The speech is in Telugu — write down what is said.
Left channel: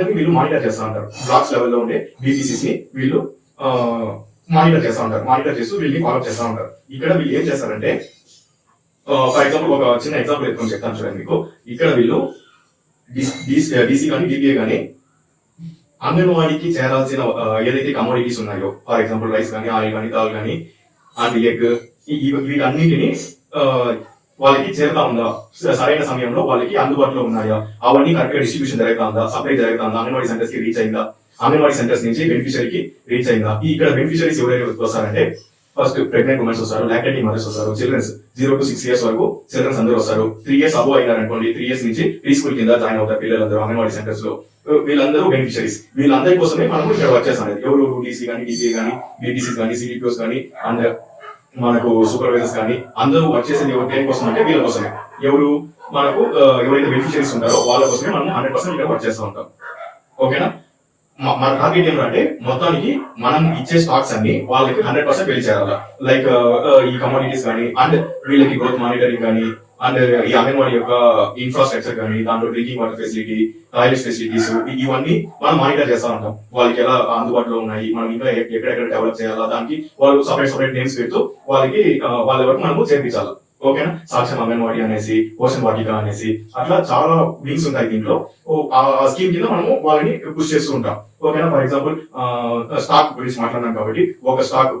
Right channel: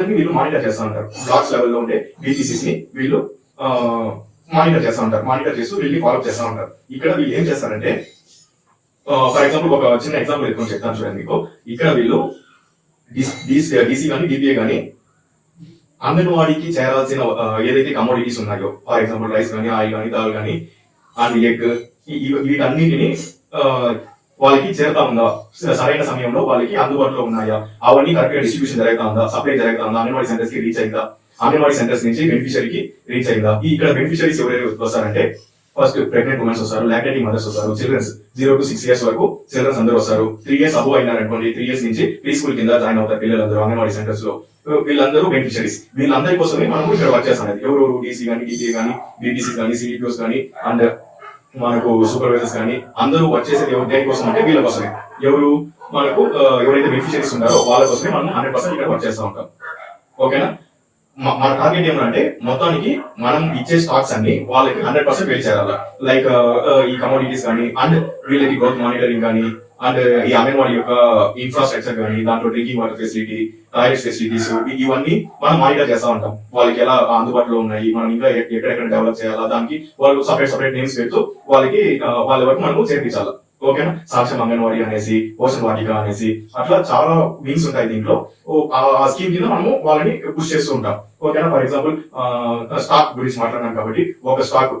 వీళ్ళు మానిటర్ చేస్తూ ఉంటారు. బ్లాక్స్ లెవెల్లో ఉండే బీసీసీస్ని వీళ్ళు మానిటర్ చేస్తూ ఉంటారు. మానిటర్ చేస్తూ వీళ్ళని ఫాలో చేస్తూ ఉంటారు. ఇక్కడ వీళ్ళు ఏం చేస్తారంటే ఫర్ ఎగ్జాంపుల్ ఒక చిన్న ఎగ్జాంపుల్ ఎత్తుకొని చెప్తాను చూడండి మీకు. ఇక్కడ వీళ్ళు డీసీ కానీ డిపిఏ కానీ అంగన్వాడీకి చేరాల్సిన ఏదైతే కమోడిటీస్ ఉన్నాయో ఫర్ ఎగ్జాంపుల్ రైస్ కానీ ఆయిల్ కానీ దాల్ కానీ అండ్ ఎగ్ వీటన్నిటిని వాళ్ళకి చేరుతా ఉందా సరైన సమయంలో వాళ్ళకి అందుబాటులో ఉన్నాయా? అవన్నీ కరెక్ట్గా డిస్ట్రిబ్యూషన్ జరుగుతా ఉందా సప్లై జరుగుతా ఉందా అంగన్వాడీ సెంటర్స్కి రీచ్ అయిందా? అంగన్వాడీ సెంటర్స్ నుంచి బెనిఫిషరీకి రీచ్ అయిందా? ఈ ఇక్కడ బెనిఫిషరీస్ ఎవరైనా వస్తారంటే ఫస్ట్ ప్రెగ్నెంట్ ఉమెన్స్ వస్తారు లాక్టేటింగ్ మదర్స్ వస్తారు childrens zero to six years వరకు చిల్డ్రన్స్ అందరూ వస్తారు. త్రీ ఇయర్స్ అబో అయినారు అనుకోండి త్రీ ఇయర్స్ నుంచి ప్రీ స్కూల్ కింద జాయిన్ అవుతారు పిల్లలందరూ అంగన్వాడీ సెంటర్స్లో. వీళ్ళందరూ బెనిఫిషరీస్ వీళ్ళందరి కోసమే మనం ఇక్కడ వర్క్ చేస్తాం. ఎవరు టీసీ కానీ డీసీ కానీ బీటీసీ కానీ సిడిపిఓస్ కానీ అండ్ మనకు సూపర్వైజర్స్ కానీ అందరూ వర్క్ చేసేది ఎవరు? దేనికోసం అంటే వీళ్ళ కోసమే. ఎవరు మనకు ఎవరైతే బెనిఫిషరీస్ ఉన్నారో వాళ్ళ కోసమే మనం హండ్రెడ్ పర్సెంట్ ఇక్కడ వర్క్ చేస్తూ ఉంటాం. ఓకేనా? మన టార్గెట్ ఏమంటే మొత్తానికి మనం ఇచ్చే స్టాక్స్ అన్ని వాళ్ళకి హండ్రెడ్ పర్సెంట్ పెళ్ళి చేయాలి? లైక్ ఈ కమోడిటీస్ కానీ అండ్ వీళ్ళకి గ్రోత్ మానిటరింగ్ కానీ అండ్ ఈ అంగన్వాడీ యొక్క ఇన్ఫ్రాస్ట్రక్చర్ కానీ దాంట్లో drinking water facility toilet facilities ఇవన్నీ మనం మానిటర్ చేస్తా ఉంటాం. వాళ్ళకి ఎలా అందుబాటులో ఉన్నాయి మనం ఇంకా ఎక్కడెక్కడ డెవలప్ చేయాలా దానికి వాళ్ళు సపరేట్ సపరేట్ నేమ్స్ పెడుతూ వాళ్ళకి uh, వాళ్ళ వరకు మనము చేర్పించాలి? ఓకేనా? సాక్ష్యం అంగన్వాడీ అనేసి పోషన్ వాటిక అనేసి అట్లా చాలా వింగ్స్ ఉంటాయి దీంట్లో. ఆ స్కీమ్ కింద మనము వాళ్ళని పుష్ చేస్తూ ఉంటాం. ఓకేనా? ఫర్ ఎగ్జాంపుల్ స్టాక్ గురించి మాట్లాడినాం కాబట్టి ఒక స్టాక్